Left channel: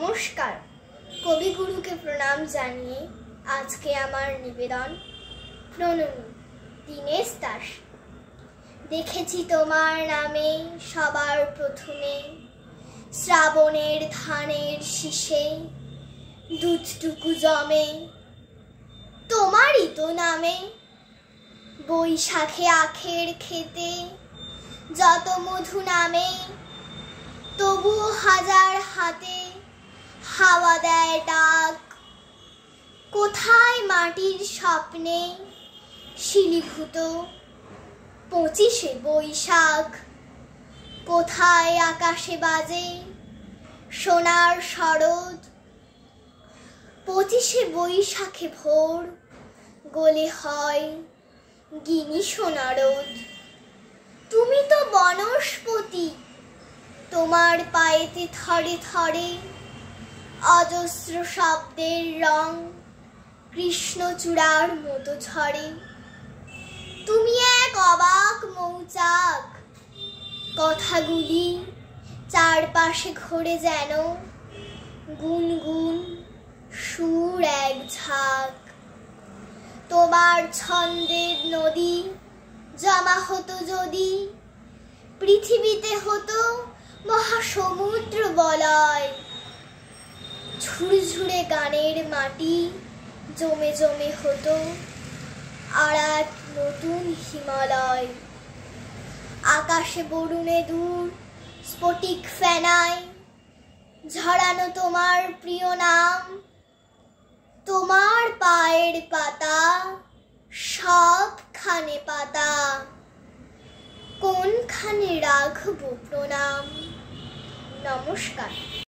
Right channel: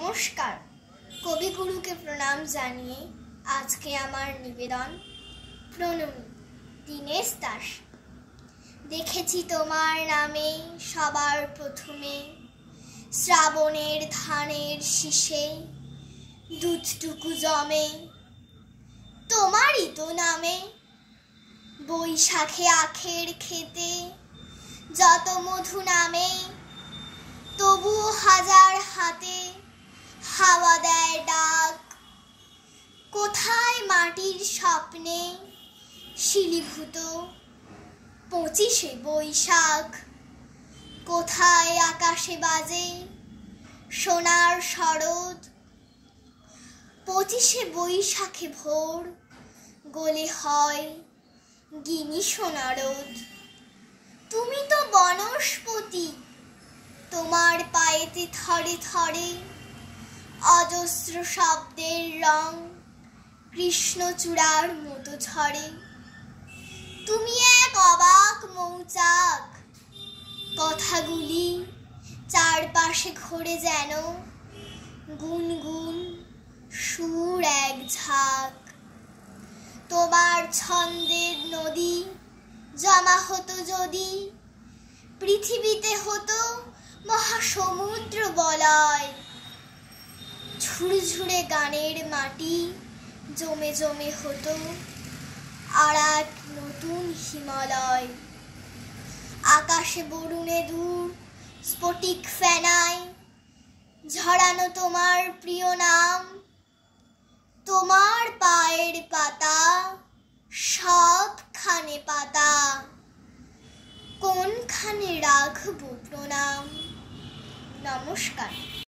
নমস্কার। কবিগুরুকে প্রণাম জানিয়ে আজকে আমার নিবেদন প্রণমী দীনেশ দাস। দেখেছি তোমার নামে সবার প্রথমে শ্রাবণের ধানের শীষে দুধটুকু জমে, তোমারই তো নামে বৈশাখে আখের খেতে যত মধু নামে, তবু হাজার হাতে হাওয়া দেয় ডাক। কোথায় মাটির স্বপ্নে শিলীভূত 25শে বৈশাখ, কোথায় আকাশে বাজে সোনার শরৎ। 25শে বৈশাখে ভোর গলে হয় গিনি সোনারোদ। তুমি তো বনস্পতি, তোমার পায়েতে থরে থরে অজস্র শব্দের রং কৃষ্ণচূড়ার মতো ঝরে। তুমি এক অবাক মৌচাক, কথাগুলি চারপাশে ঘোরে যেন গুনগুন সুর এক ঝাঁক। তোমার ছন্দের নদী জমা হতো যদি পৃথিবীতে হতো মহাসমুদ্র বলয়। ঝুরঝুরে গানের মাটি জমে জমে হতো আরাট নতুন হিমালয়। আকাশে বরুণে দূর স্ফটিক ফেনায় ঝরানো তোমার প্রিয় নাম। তোমার পায়ের পাতা সবখানে পাতা, কোনখানে রাখবো প্রণাম। নমস্কার।